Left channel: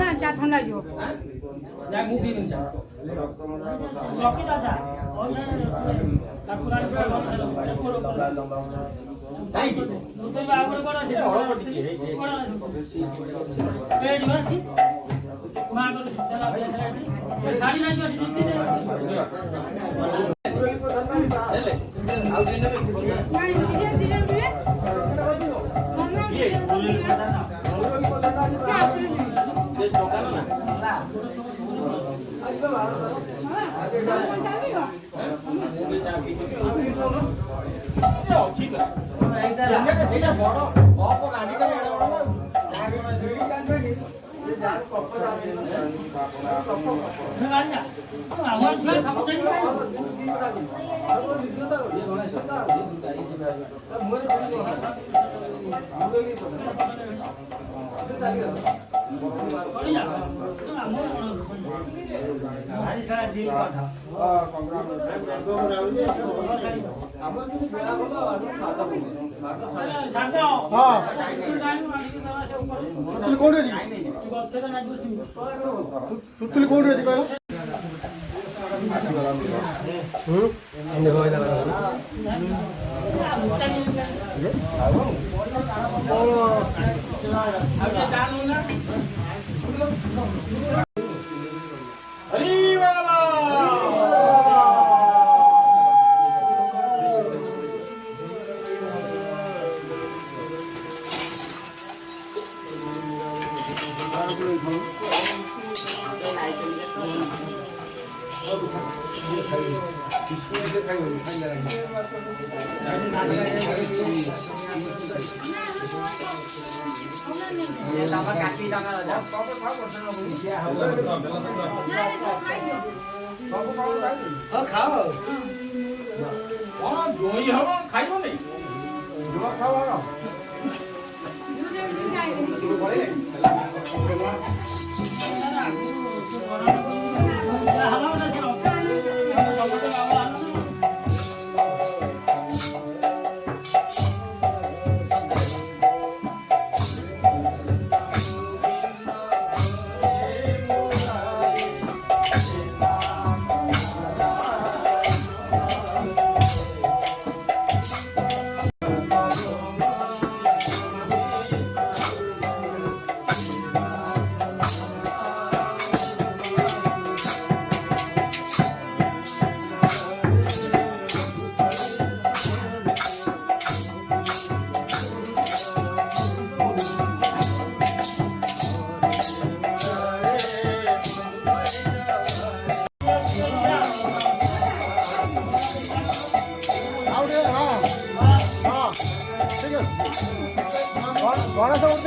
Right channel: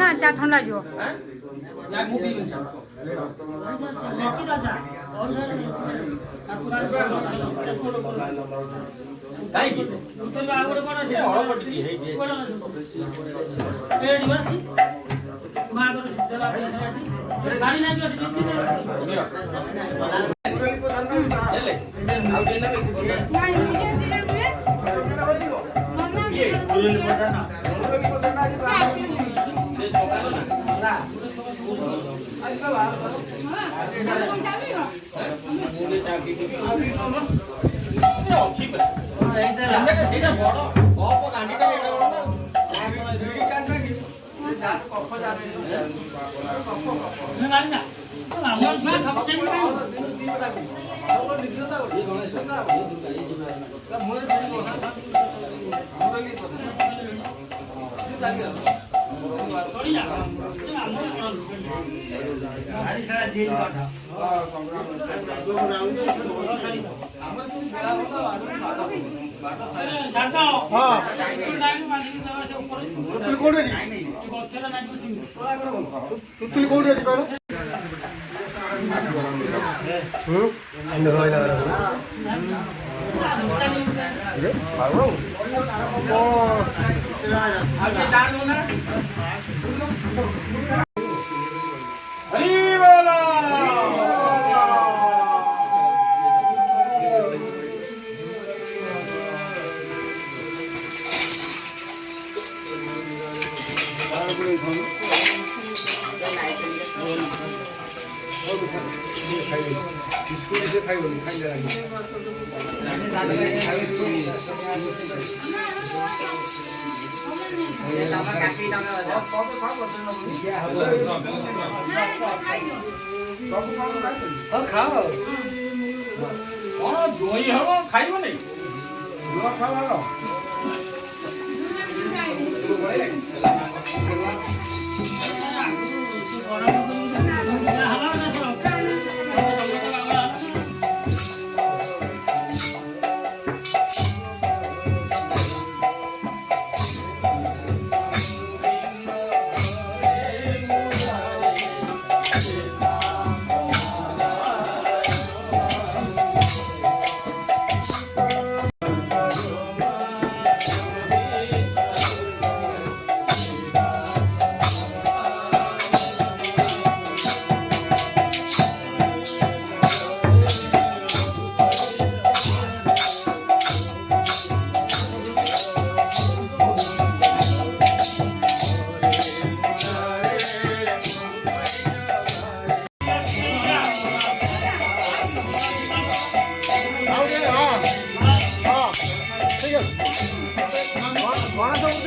না চা ঠান্ডা যাও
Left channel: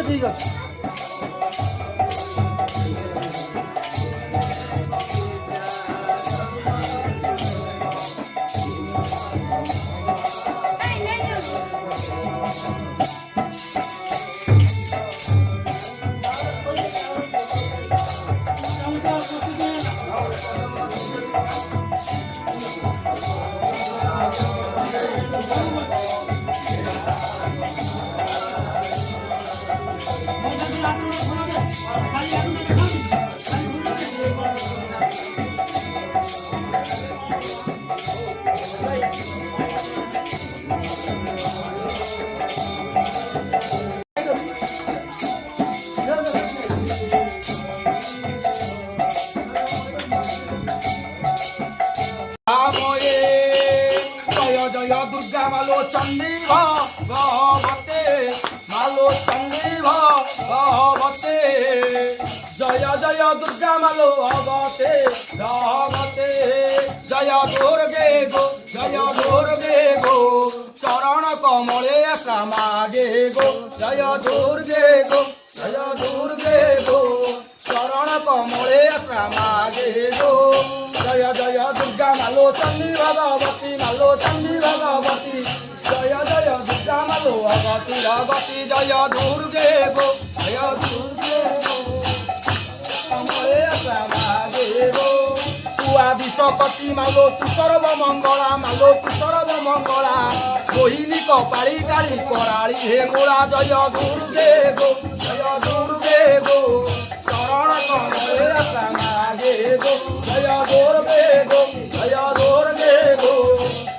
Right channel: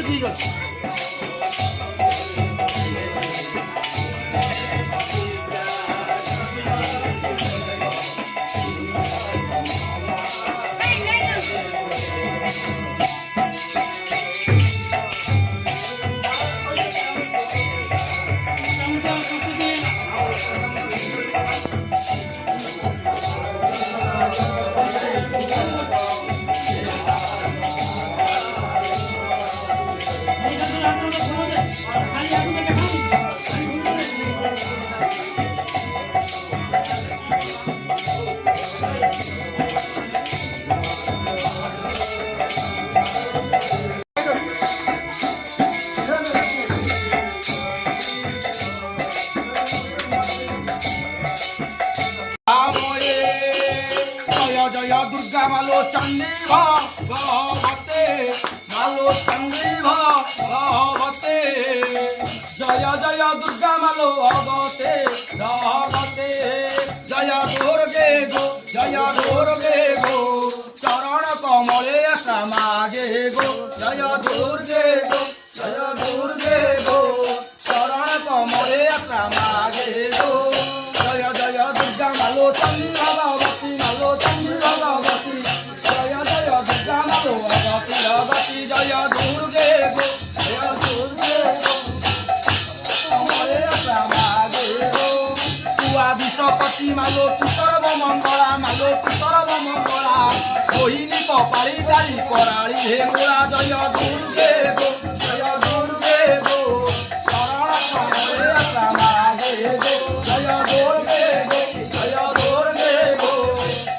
ঠিক আছে मालो चंडी भगवते मालो चंडी भगवते जय जय दुर्गा मालो भगवते भगवते जय दुर्गे गो चरण कमले समागे गो जय दुर्गे गो चरण कमले समागे गो जय जय दुर्गा চণ্ডী ভগবতী মালো চণ্ডী ভগবতী জয় জয় দুর্গা মালো অগতি অগতি জয় দুর্গে গো জয় দুর্গে গো কমলে শ্যামাগে গো তুয়া বিশ্বপতি মালো তু সর্বমঙ্গলা মালো তু সর্বমঙ্গলা মোহিনী কপালি কালী কৰাଳି হে গোলা জয় দুর্গে গো জয় দুর্গে গো শরণ কমলে শ্যামাগে গো জয় দুর্গে গো জয় দুর্গে গো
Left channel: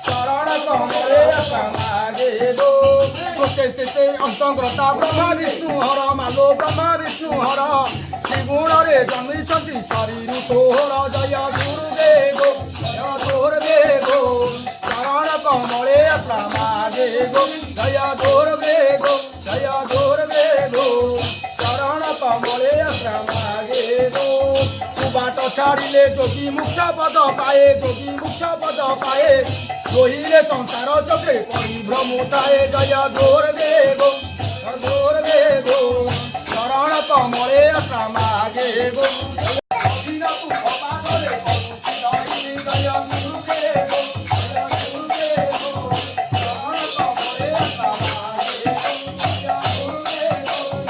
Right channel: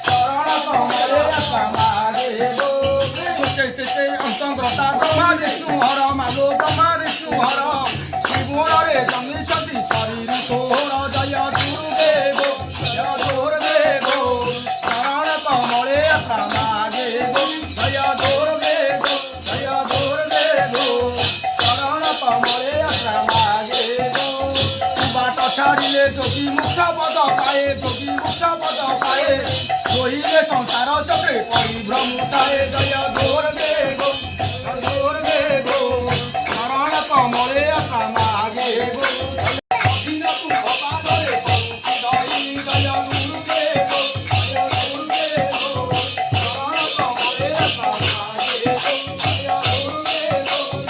শরণ কমলে শ্যামাগে গো চে অন্তগ্রতা ব্রহ্মা বিষ্ণু হর মালো ব্রহ্মা বিষ্ণু হর ত্রিগুণরে জন্মিଛନ୍ତି শরীর তোর জয় দুর্গে গো জয় দুর্গে গো শরণ কমলে শ্যামাগে গো জয় দুর্গে গো জয় দুর্গে গো শরণ কমলে শ্যামাগে গো তু বাট ছাড়িলে যোগী মুক্ষ পদ পায়ে যোগী মুক্ষ পদ পায়ে রহিলে সংসার চক্রে পরিভ্রমুতায়ে জয় দুর্গে গো জয় দুর্গে গো শরণ কমলে শ্যামাগে গো দিন তু ভবানরে করুছি ধরি জয় দুর্গে গো জয় দুর্গে গো শরণ কমলে শ্যামাগে গো জয় দুর্গে গো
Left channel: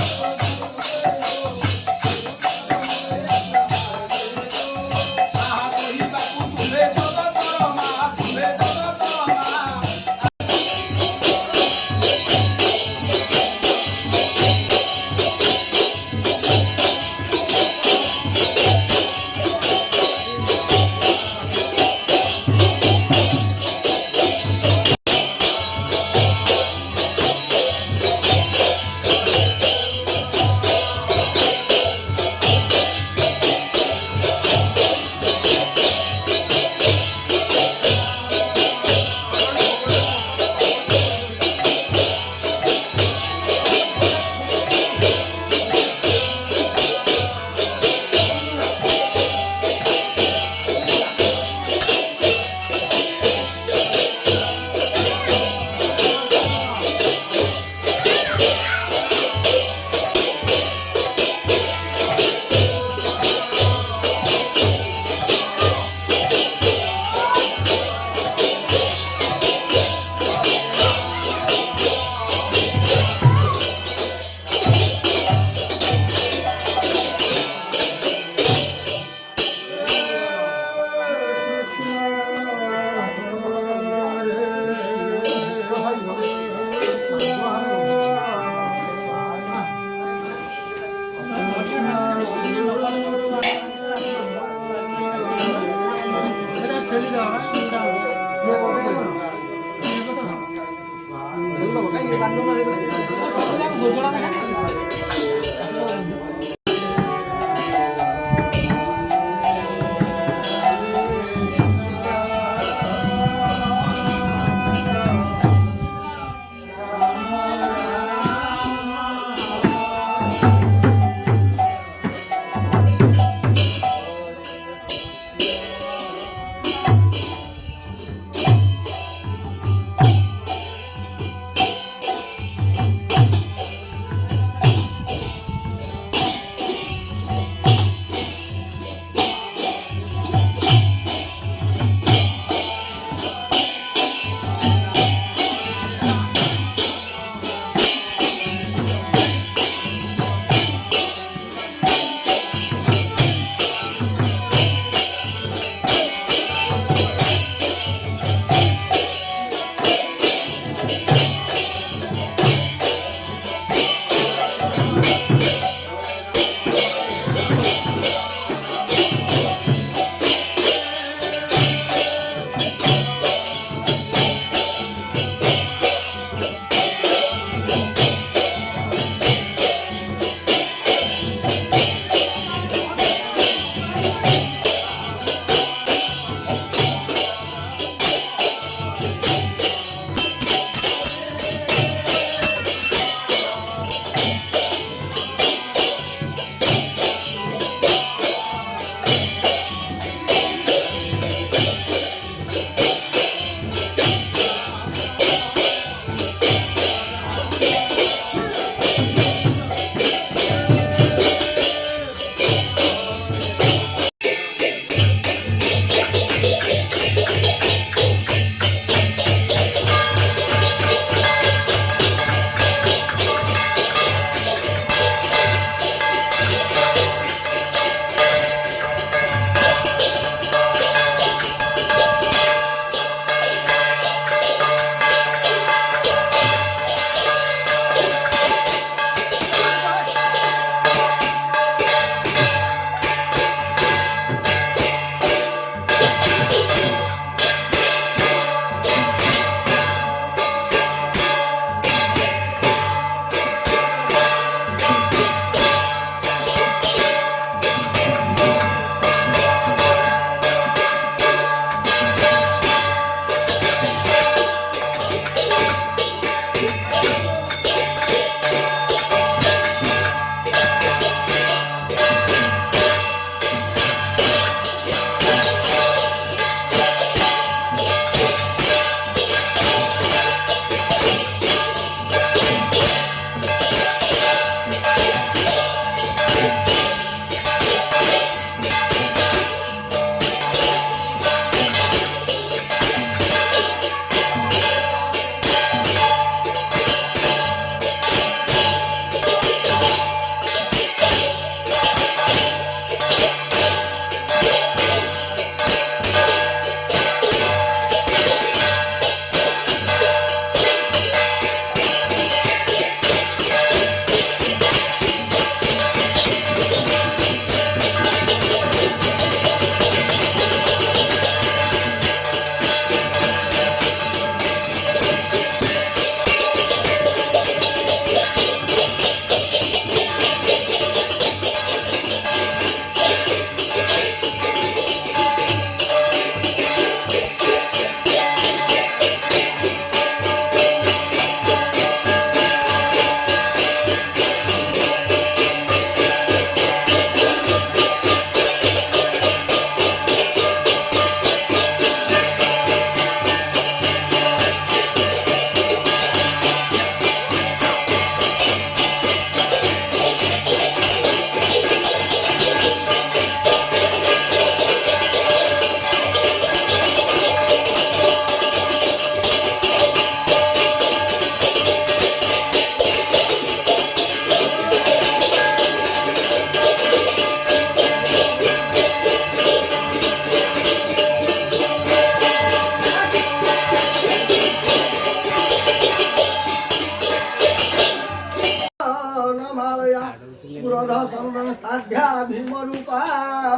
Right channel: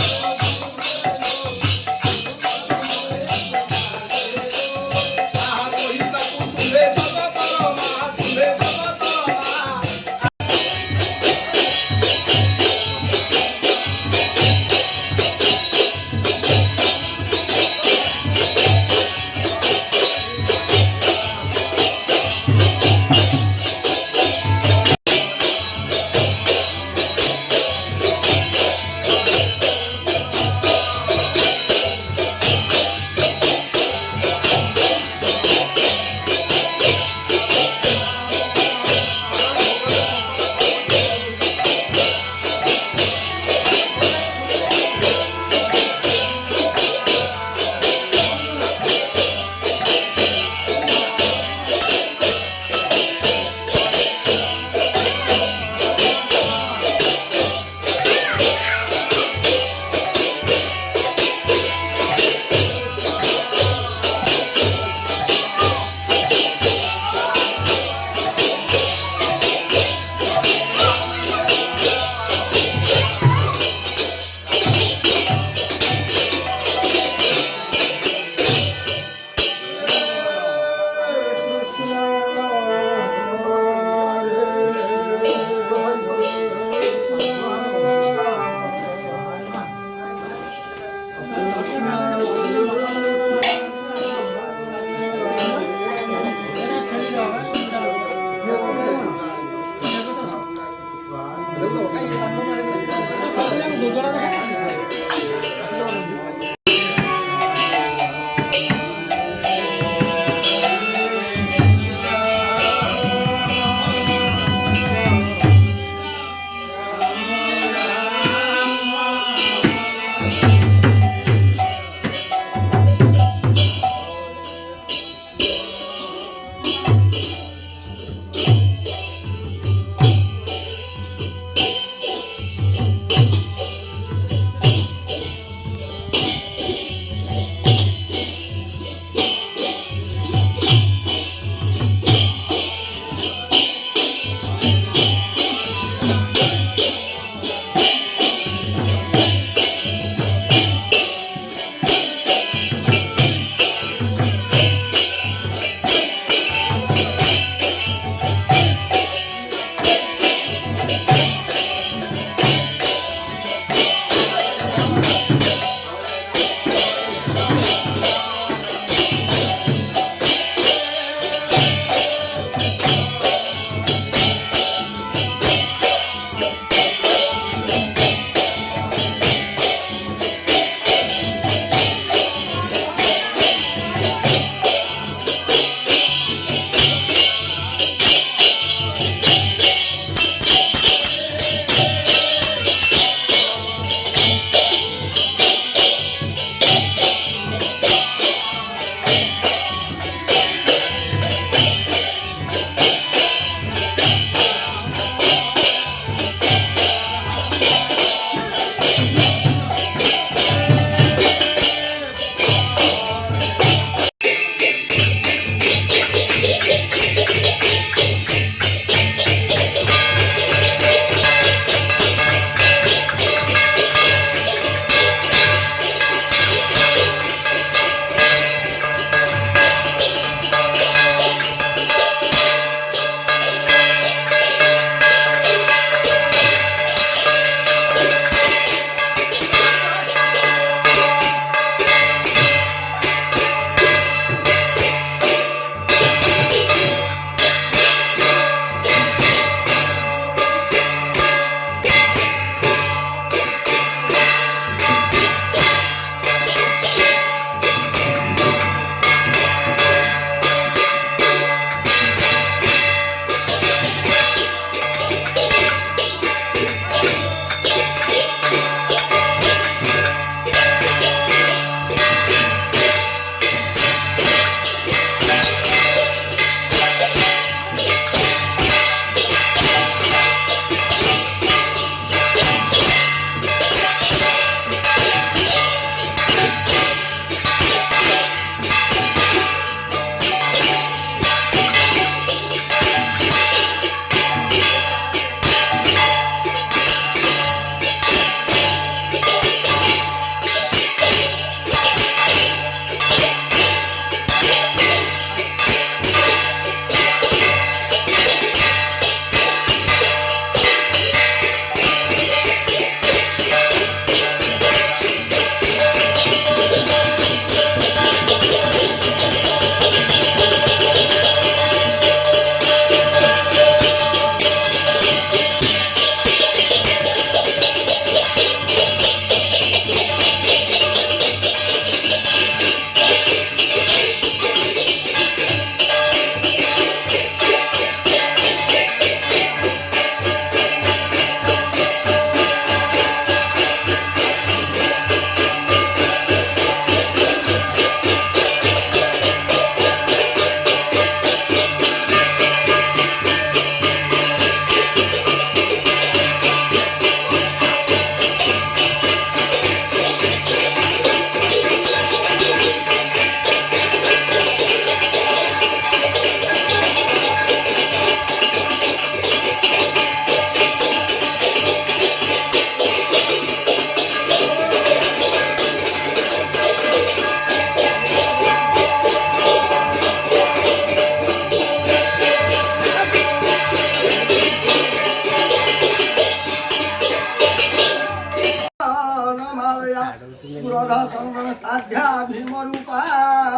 साध्या भीम रूपा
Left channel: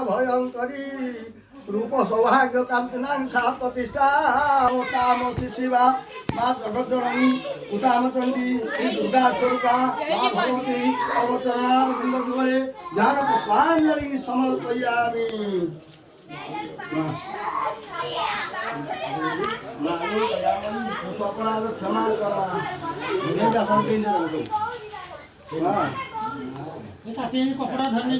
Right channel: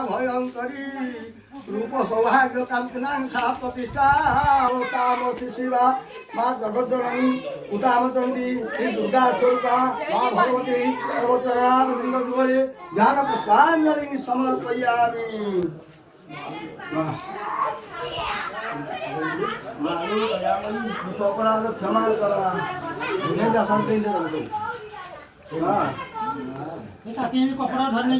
भयंकरी रूप सौभाग्य कांतिनांसा प्रतिष्ठा ताम शिवा माँ जगज्जननी उतामचंडी श्री दुर्गा स्वरूपा माँ भगवती अवतरणा जुगले ज्ञान पुष्पांजलि समर्पयामि। अपराध क्षमा करा कपड़ा धरने